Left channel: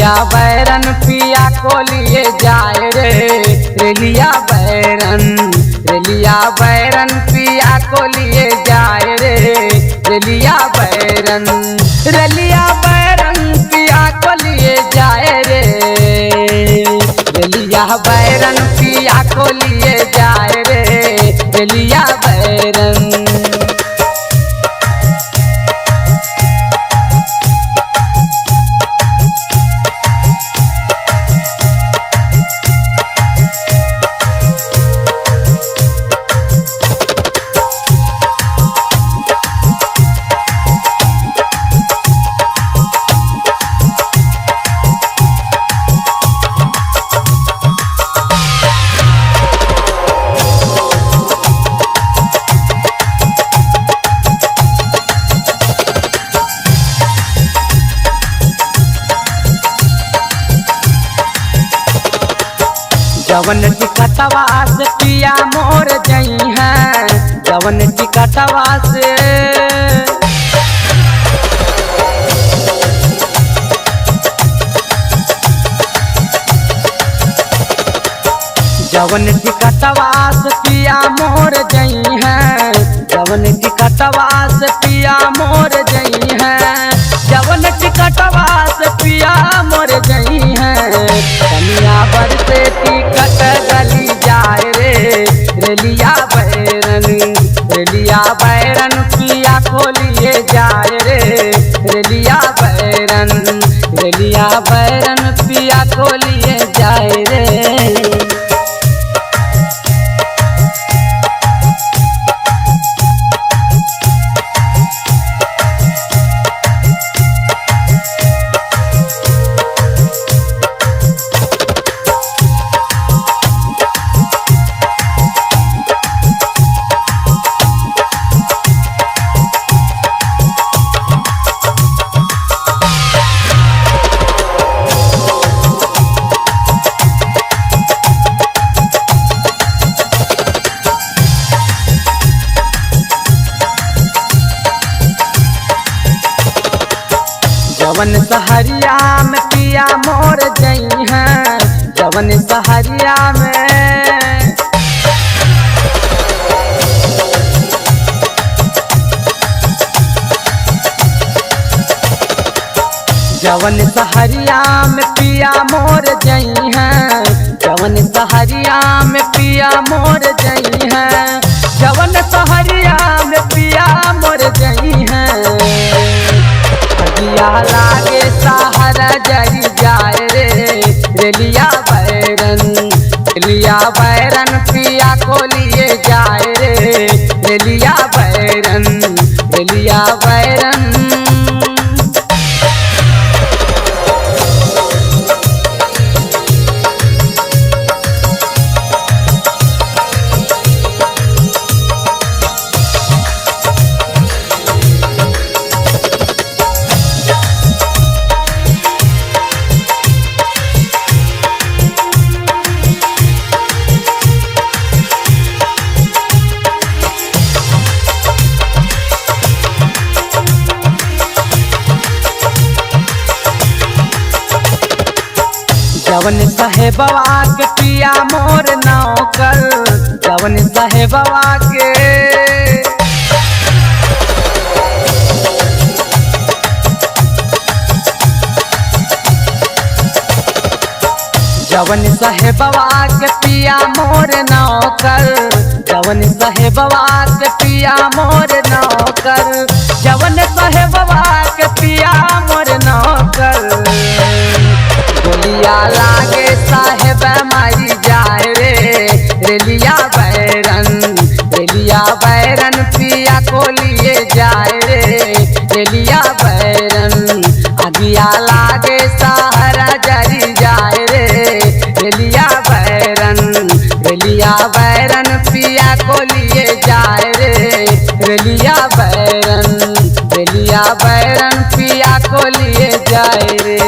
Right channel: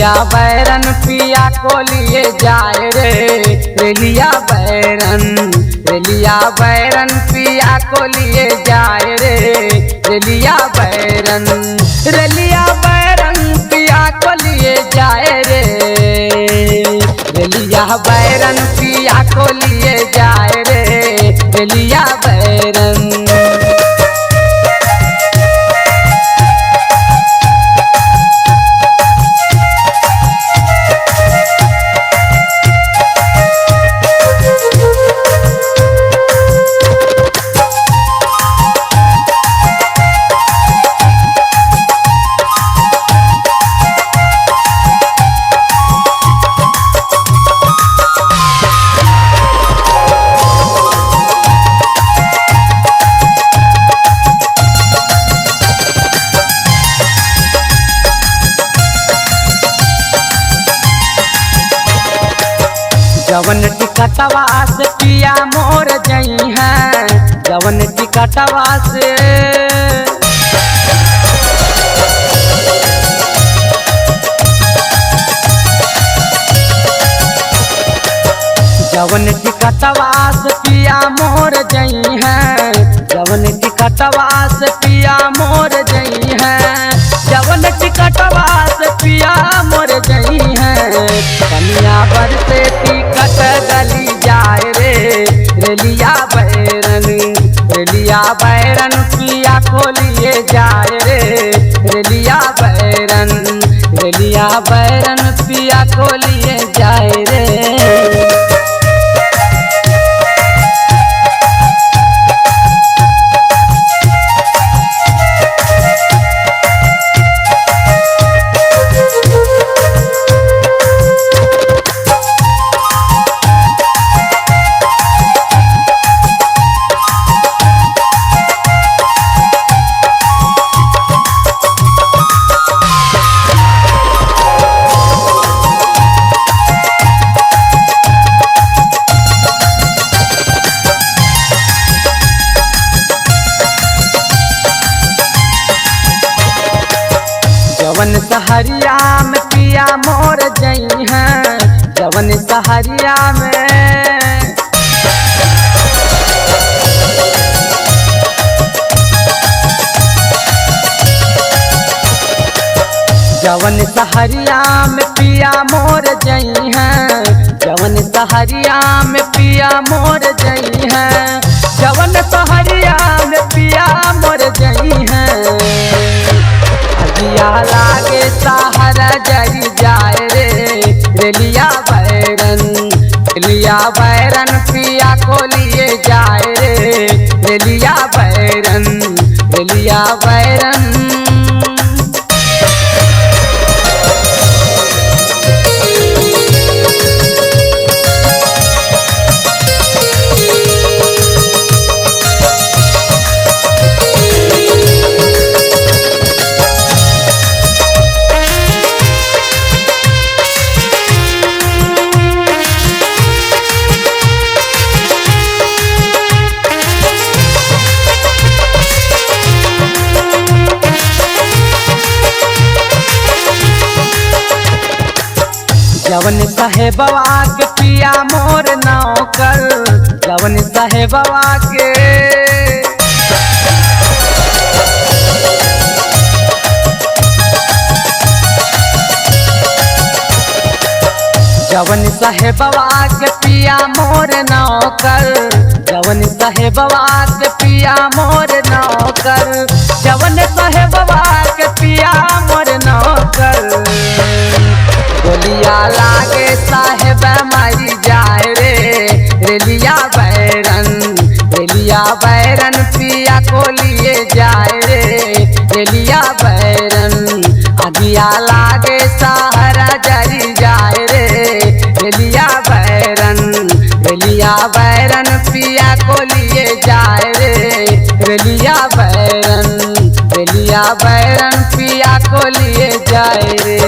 रेलिया बैरन पिया को लिए जाए रे। रेलिया बैरन पिया को लिए जाए रे। रेलिया बैरन पिया को लिए जाए रे। रेलिया बैरन पिया को लिए जाए रे। रेलिया बैरन जवन टिकटवा से पिया मोर जई है। जवन टिकटवा से जवन टिकटवा से पिया मोर जई है। जवन टिकटवा से पिया मोर जई है। जवन टिकटवा से पिया मोर जई है। कनिया बर से टिकट गली जाए रे। रेलिया बैरन पिया को लिए जाए रे। रेलिया बैरन पिया को लिए जाए रे। जवन सहरिया में पिया मोर जई है। जवन सहरिया में जवन सहरिया में पिया मोर जई है। जवन सहरिया में पिया मोर जई है। जवन सहरिया में पिया मोर जई है। अगिया लागे सहारा जरी जाए रे। रेलिया बैरन पिया को लिए जाए रे। रेलिया बैरन जवन साहेबवा के पिया मोर नौकर। जवन साहेबवा के जवन साहेबवा के पिया मोर नौकर। जवन साहेबवा के पिया मोर नौकर। जवन साहेबवा के पिया मोर नौकर। गोलिया लागे साहेब मारी जाए रे। रेलिया बैरन पिया को लिए जाए रे। रेलिया बैरन अगिया लागे सहारा जरी जाए रे। रेलिया बैरन पिया को लिए जाए रे। रेलिया बैरन पिया को लिए जाए रे।